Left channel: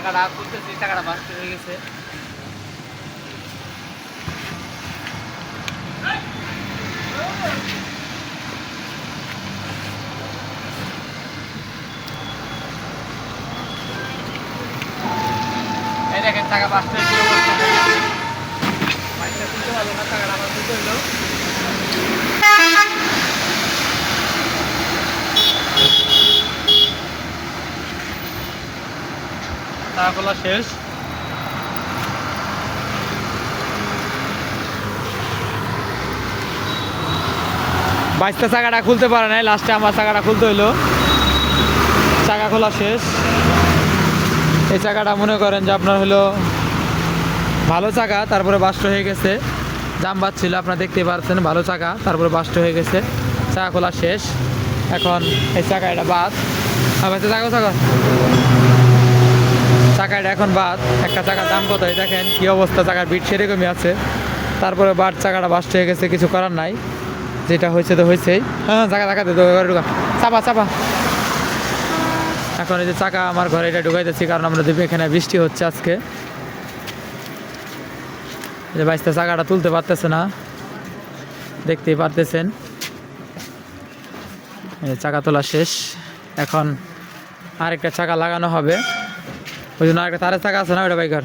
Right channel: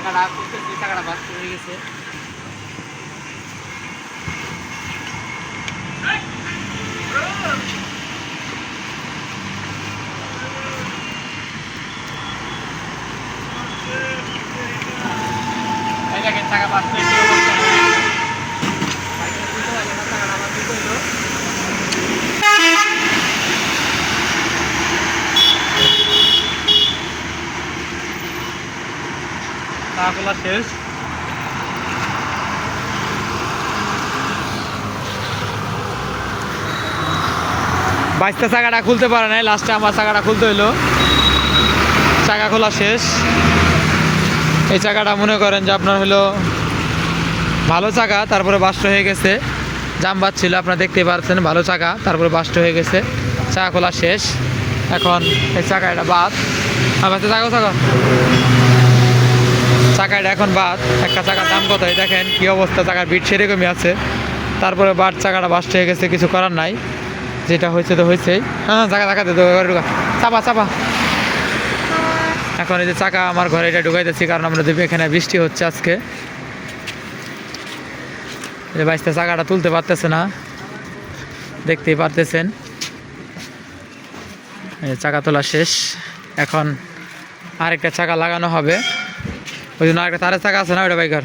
টাকাটা করতেছি টাকাটা বাস্ত হয়ে গেছে। টাকা বাস্ত হয়ে অবস্থা হয়ে গেছে বাইকটা তুলতে পারল না টাকাটা আবার তুলতে হইল খোলা শেষ। বাইশটা চাকাটা খুলতে পারে নাই, লাস্টে আমার চাকাটা খুলতে হইল। চাকা খোলা শেষ। এই চাকাটা মনে করেন যে আপনার হলো ভালো চাকা, তারপরে বাস্ট হয়ে গেছে। জাম ছিল, আপনারা দেখতে পাচ্ছেন ভালো চাকা, তারপরে বাস্ট হয়ে গেছে। চাকা খোলা শেষ। এখন এই চাকা এটা বাদ। আবার চাকা চাকা। চাকাটা এখন বাদ। একটা চাকার দাম কত এই দেখেন, কি অবস্থা, চাকার বিট সেরকমই আছে। তারপরে বাদ চাকাটা বাস্ট হয়ে গেছে, কিছু করার নাই। যেটা হয়েছে তো হয়েছেই হ্যাঁ চাকা চাকা দে ঢুকা। চাপা চাপা। এখন এই যে চাকা আমার ঘরে এটা ঢুকাইতেছি, কারণ আমরা দেখি এখানে বৃষ্টি হচ্ছে আজকে। যে বাইশটা চাকাটা তুলতে পারতেছে না। দেখতেই পারতেছেন। চাকা তোলা শেষ। এখন আরেকটা চাকা লাগানো হবে। ওই জন্য আরেকটা তারের চাকা আছে না ওটা বাইকার?